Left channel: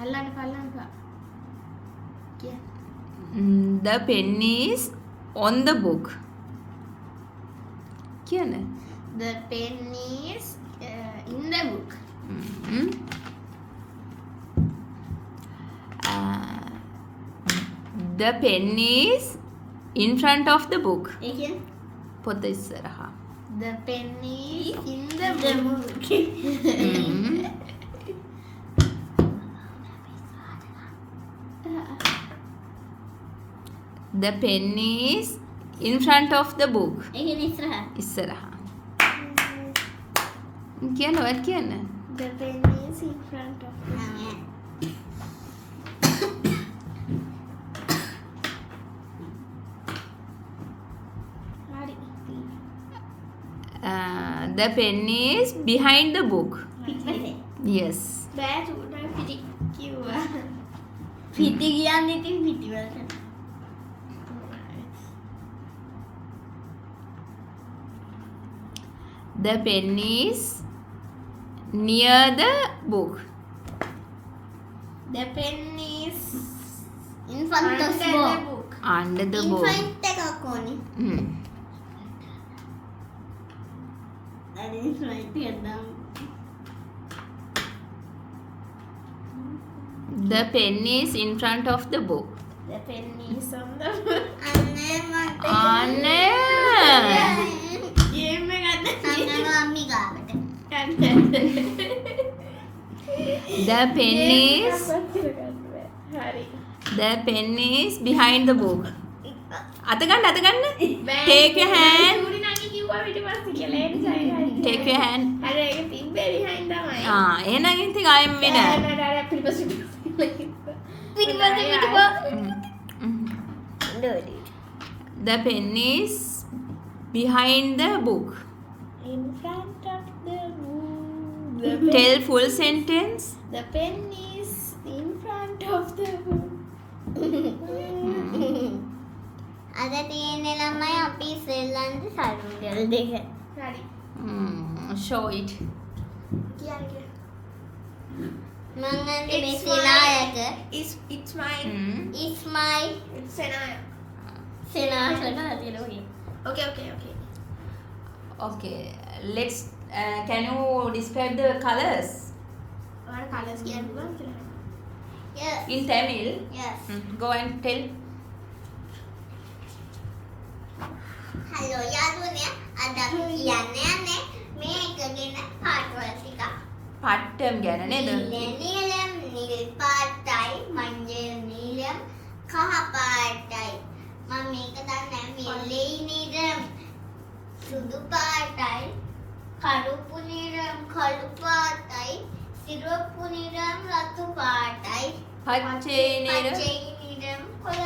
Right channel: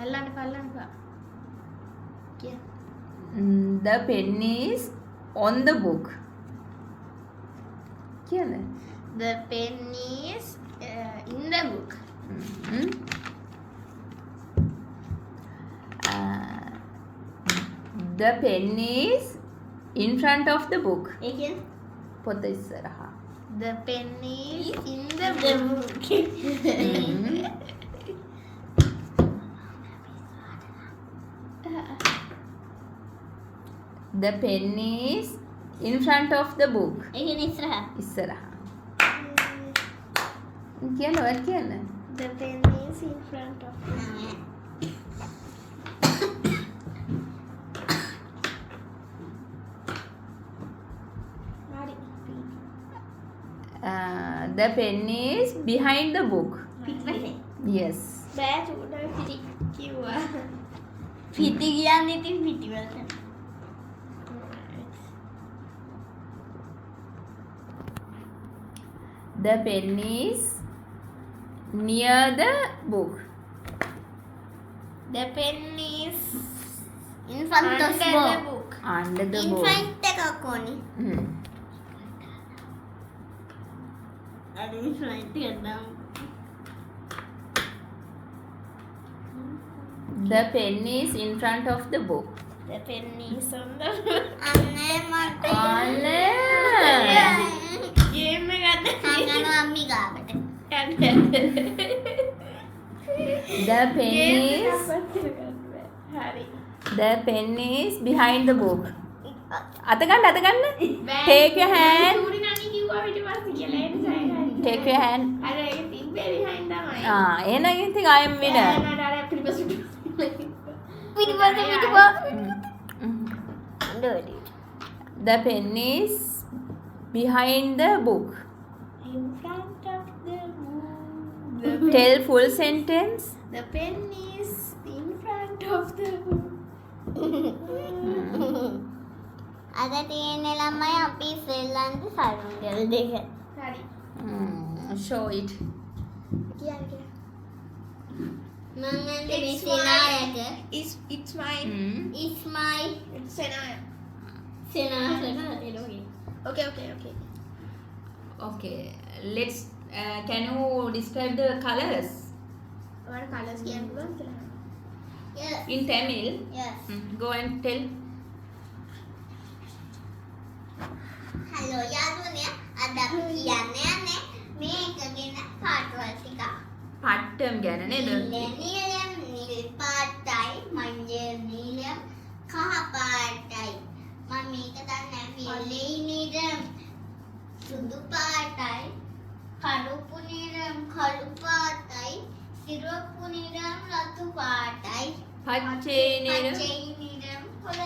අල්ලන්න පල්ලන්න කිය. The pen is on the book. කියන්නේ. The pen is in the book. The pen is in front of the book. ඒ කියන්නේ පොත ඉස්සරහා. the pen is in the book. The pen is in front of the book. ඒ කියන්නේ ඉස්සරහා. ඉස්සරහා. කියන්න ඔයත් කියන්න. The pen is in front of the book. හරි. The pen is behind the book. Yes. බෑ චුට්ටක් පිටි කිව්වා. පිටි කියන්නේ ඉතින් පිටිවලට. The pen is near the book. The pen is in front of the book. Under the In book. front එකක් ඕනේ. අර in front එක දාමු. The pen is in front of the book. The pen is on the book. අනේ මට. අනේ. ගේම් එකක් ගන්න අම්මි ගාවට. The pen is හරි. The pen is behind the book. අත ගන්න. Take your hand. චූරි නණි කිව්වා පිටිපස්සේ කියලා ඒක සයින්. Take your hand. අර ඒක තිබ්බේ behind තමයි. එහෙනම් ඉතින් I am winner. අර පිටිපස්සේ The pen is behind the book. In front of the book. Tell full sentence. The pen is in front of the book. අද තියෙන ළමයි අපි සෙල්ලන්ද සරුංගල් දෙක. හරි. Show it. කියන්නේ මම It's මෙසේනායක. It's my It's my Senaya. සෙනාසනාතිලෝගේ. Okay. Okay. Let's. Can you describe the colors ඔයාලට කලර්ස් කියන්න පුළුවන් කියලා. Yes. in Tamil? Yes. Go and tell. Hello යාළුවනේ. අද අපි කියන්න යන්නේ මේක ගැන පාටවල් ටිකක්. පාටම් ගැන නේද? නිලම් නිල් පාටයි මංජල් නිලම් කහ පාටයි. මම මේක දන්නේ මිලේ නිලම් සුදු පාටයි කළුපු නිලම් කළු පාටයි සිරුප්පු නිලම් රතු පාටයි පච්චේ නිල. පච්චේ නිලම් කොළ